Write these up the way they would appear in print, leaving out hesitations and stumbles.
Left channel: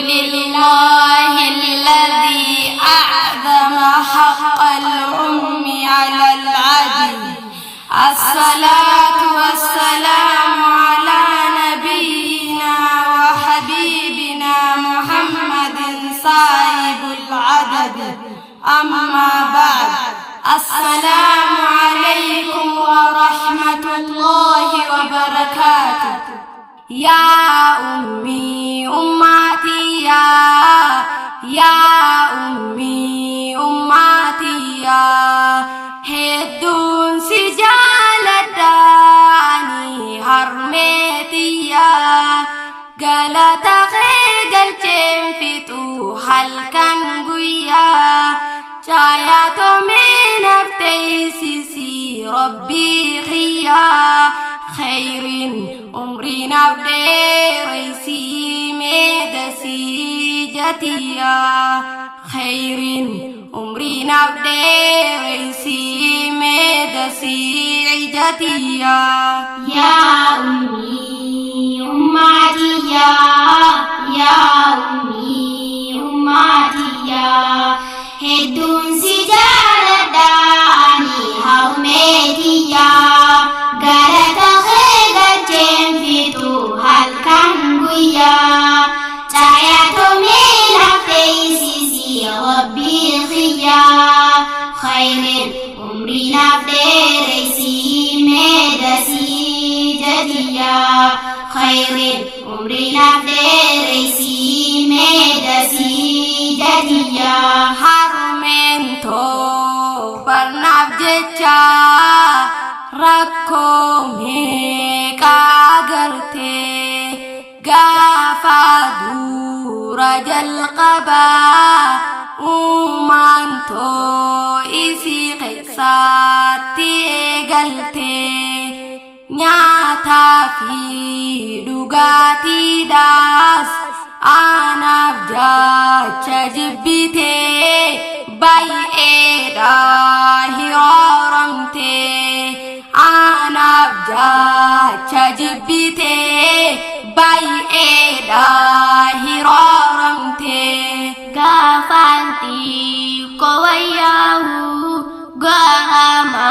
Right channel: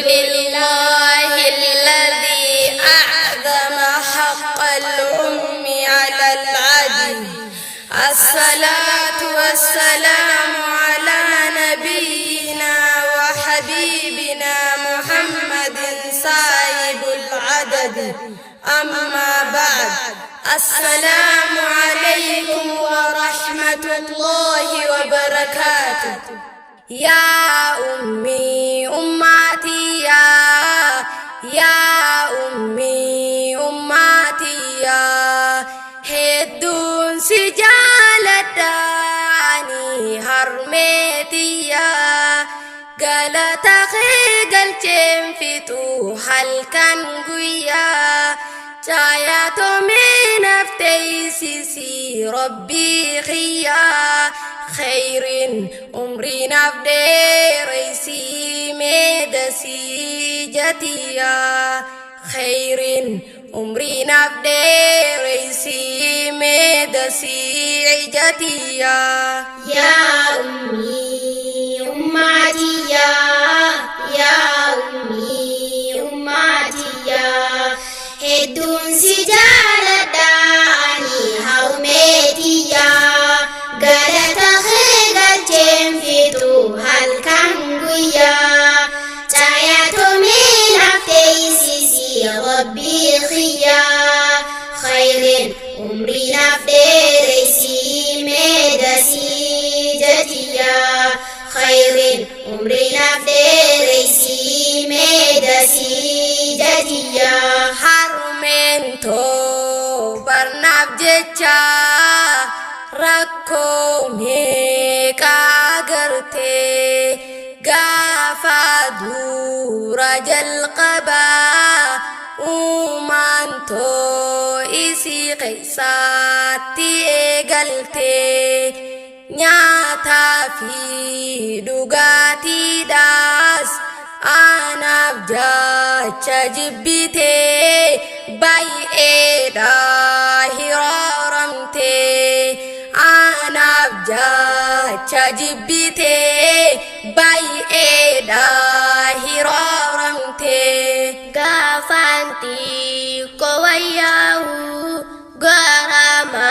لله الذي أعظم حق الأم على العدل. الصلاة والسلام على نبينا وحبيبنا محمد صاحب العدد. أما بعد، السلام عليكم ورحمة الله وبركاته. يا أمي أمتي يا أمي أمتي هدون سجالتاني هرمتي galata galchem fitu halkan guya caya to menaftai sisi rabbi khiya khairin umri nafde raisi medasi jatiya khairin umri nafde raisi medasi jatiya. Ya ummi ummati ya ummi ummati hedduun si jaaladhaani harmeeti galata kee galcheen fitu halkan guyyaa caayatomee nafteeysisi rabbii khiyyaa khayrin umrii naaf dheereysi meedasii jatiyyaa khayrin umrii naaf dheereysi meedasii jatiyyaa. Harmeen too barnaaf jecha rakkoo meeqaa agartee gaafa dura jalqabaa uumaan too isii keessaatti eegaltee nyaataa fi dhugaatiidhaas anaaf jecha jibbitee baay'eedhaa hirooramtee anaaf jecha jibbitee baay'eedhaa hirooramtee. Gaafanti kowayyahu gaama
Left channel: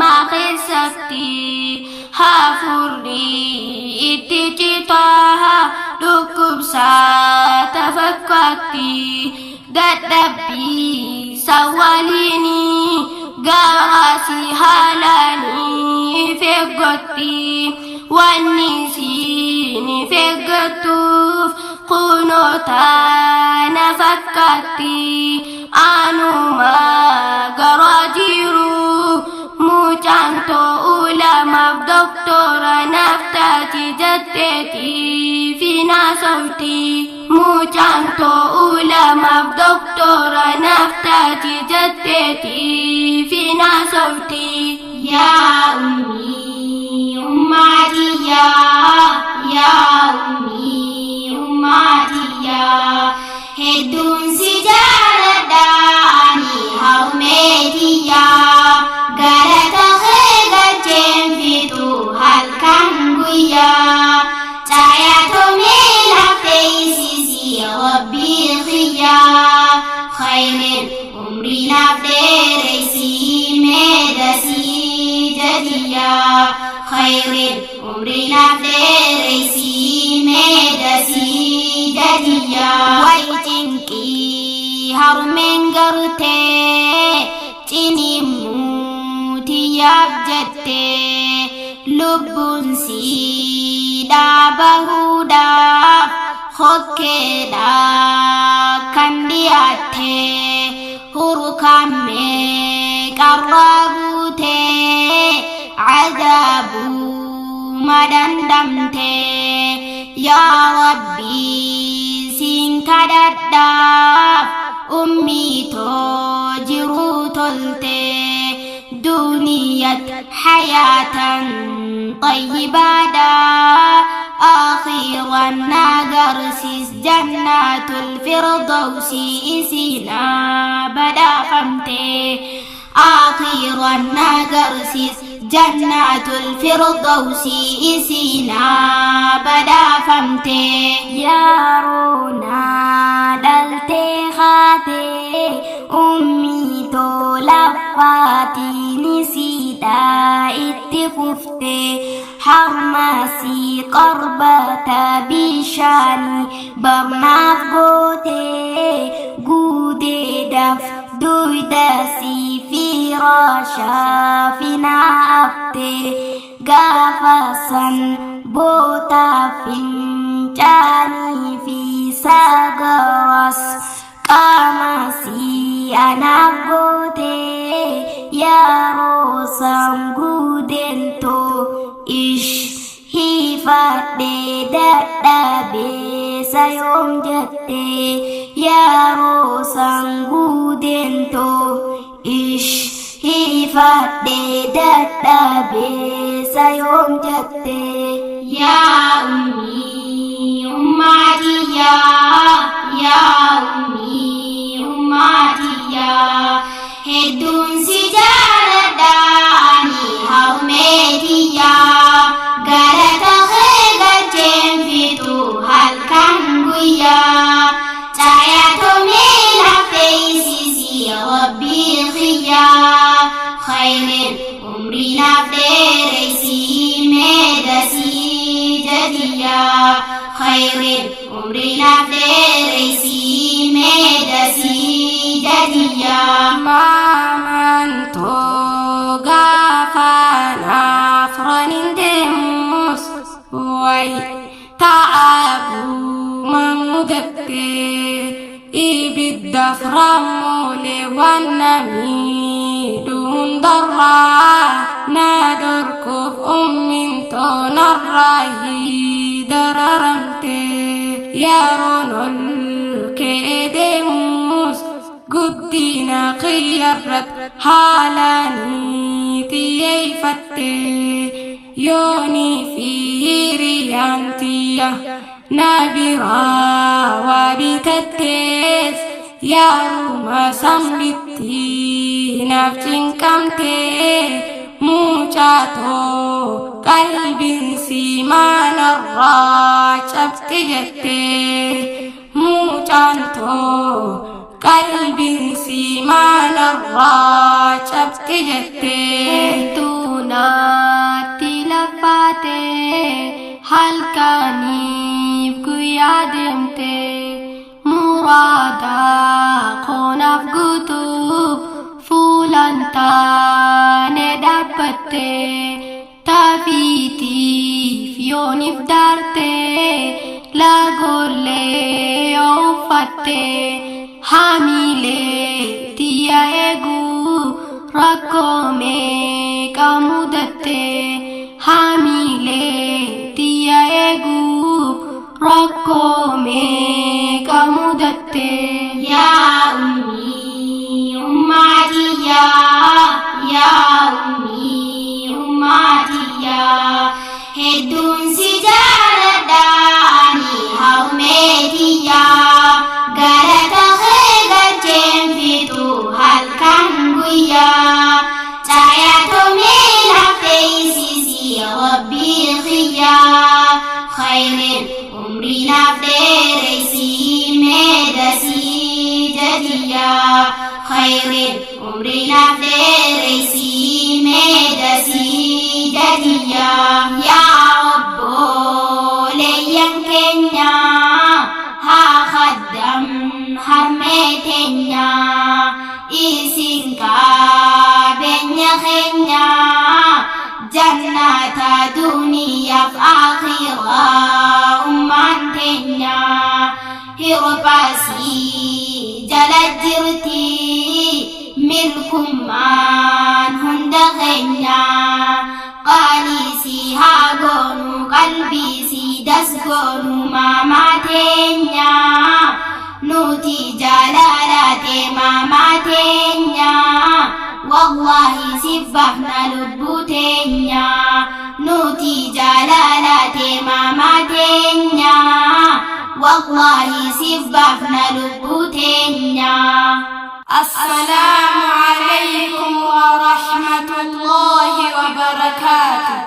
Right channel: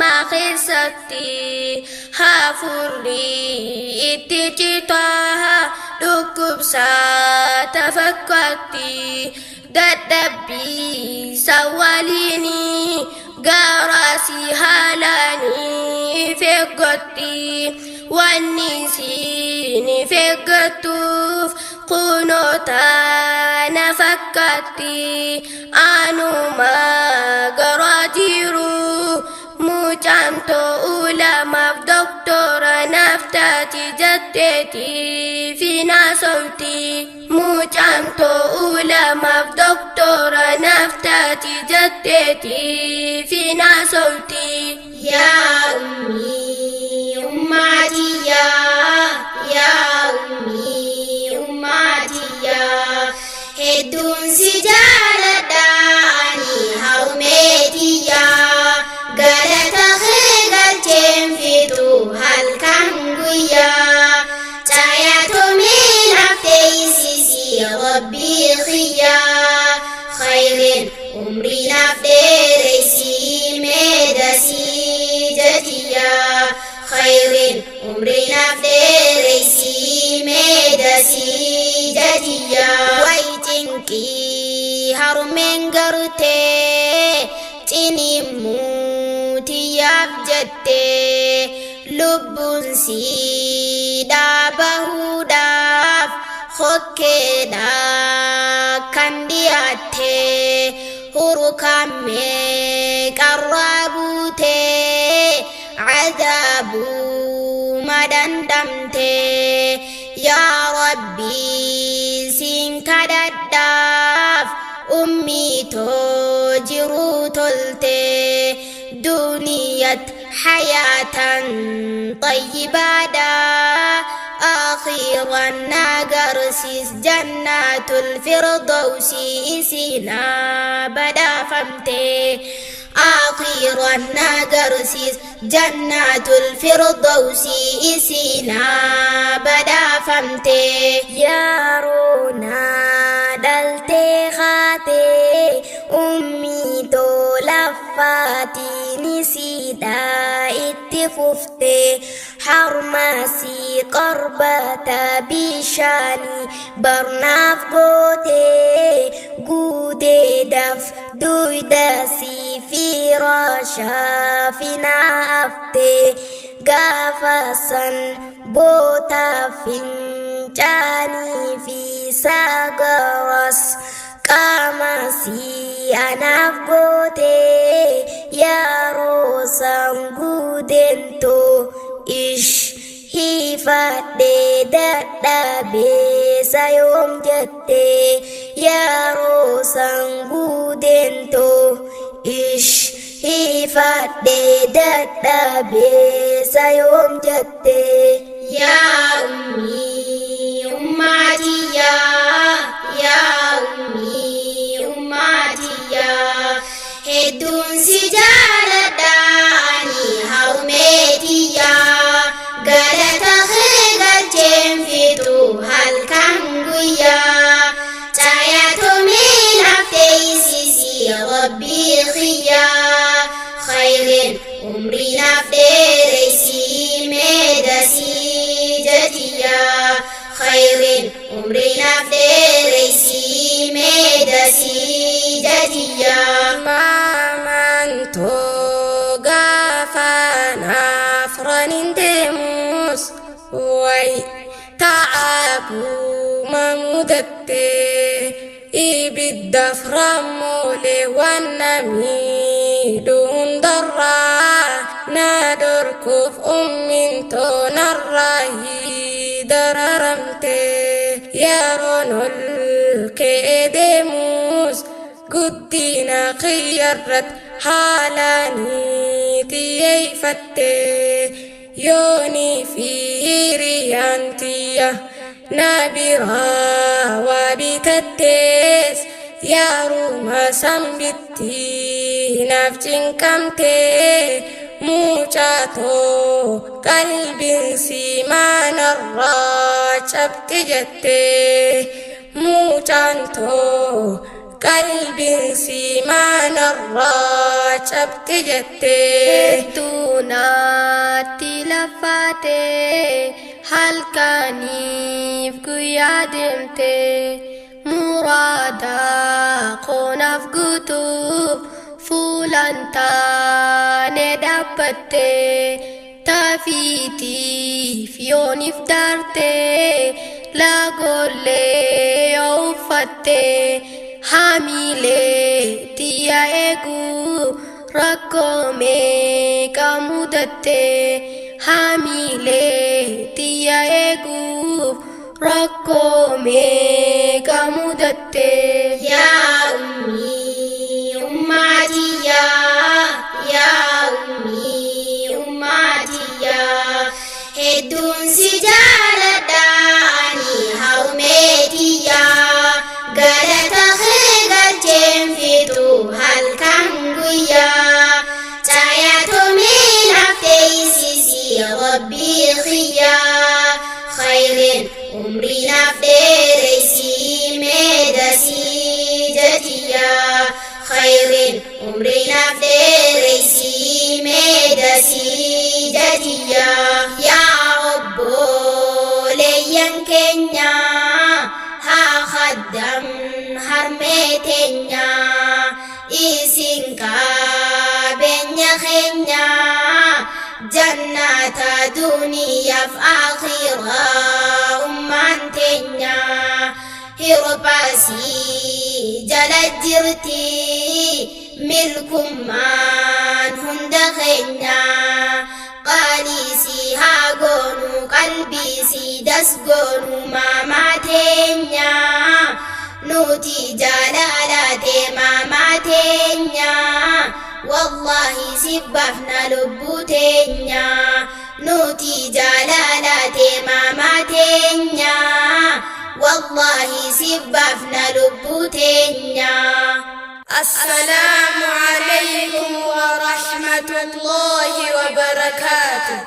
maaqeessatti hafuurri itti citaa dhukkubsata fakkaatti dadhabbii sawwaliini gaaraasi haalanii feeggotti wanni siini feeggattuuf kunoota na fakkaatti anuma garaa jiru mucaan ta'uu lamaaf doktora naaf taati jetteeti fina sauti mucaan ta'uu lamaaf doktora naaf taati jetteeti fina sauti. Yaa ummi ummati yaa ummi ummati hedduun si jaaladhaani harmeeti galata kee galcheen fitu halkan guyyaa caayatomee nafteeysisi rabbii khiyyaa khayrin umrii naaf dheereysi meedasii jatiyyaa khayrin umrii naaf dheereysi meedasii jatiyyaa. Waytinqii harmeen gartee cinimuutiyaaf jettee lubbuun siidhaa bahuudhaaf hokkeedhaa kan dhiyaattee hurukammee qarraa buutee cadaabuu madandamtee yaa rabbii siin kadhadhaaf ummii too jiruu toltee duniyat hayatan طيبادا آخيرا ناقرسيس جنات الفردوس إسينا بدا فمتي آخيرا ناقرسيس جنات الفردوس إسينا بدا فمتي يا رونا Baatiin siidhaa itti fuftee harmaasii qorbata bishaanii barnaaf gootee guuteedhaaf duydaasii firaashaa finaaftee gaafa san bootaa fincaanii fi sagaras qaamasii anaaf gootee yeroo san guudentoo hifadhee dadhabee sayoom jettee yeroo san guudentoo hifadhee dadhabee sayoom jettee yaa ummii ummaatiyyaa yaa ummii ummaatiyyaa hedduun si jaaladhaani harmeetiyyaa galata kee galcheen fitu halkan guyyaa caayatomee lafteeysisii rabbii khiyyaa khayrin umrii naaf dheereysii meedasii jadiyyaa khayrin umrii naaf dheereysii meedasii jadiyyaa maamantoo gaafanaaf ranin deemus way ta'abuma mudattee ibiddaaf rammoolee waan namiidhu hundarraa na dorkuuf ummintoo narraa dararamtee yeroon ol kee deemus guddina qiyyarrat haalanii xiyyeeffattee yoonii fi hiriyaan tiyya na biraa waa bitattees yaaruma sambitti naaf cinqamtee mucaatoo qalbiin siimaanarraa cabxi jettee mucaantoo qalbiin siimaanarraa cabxi jettee tuunaatti lafaatee halkaniif guyyaa deemtee muraadaa koonaaf guutuuf fuulan taane dhaabbattee taafiitiif yooniif daartee laagollee yoo uffattee haamilee tiyya eeguu rakkoo meeqa mudattee haamilee tiyya eeguu rakkoo meeqa mudattee yaa ummii ummaatiyyaa yaa ummii ummaatiyyaa hedduun si jaaladhaani harmeetiyyaa galata kee galcheen fitu halkan guyyaa caayatomee lafteeysisii rabbii khiyyaa khayrin umrii naaf dheereysii meedasii jadiyyaa khayrin umrii naaf dheereysii meedasii jadiyyaa yaa obboleeyyan keenya haa khaddam harmee teenya isin qabeenya keenya jannata duniyaaf akhiraa ummaan teenya hirbaasii jala jirti milkummaan hunda keenya qaaliisii haa goonu qalbiisii dasgoonu maamaa teenya nuti jaalalate maamaa teenya wallahi sibbafna lubbuu teenya nuti jaalalate maamaa teenya wallahi sibbafna lubbuu teenya. السلام عليكم ورحمة الله وبركاته.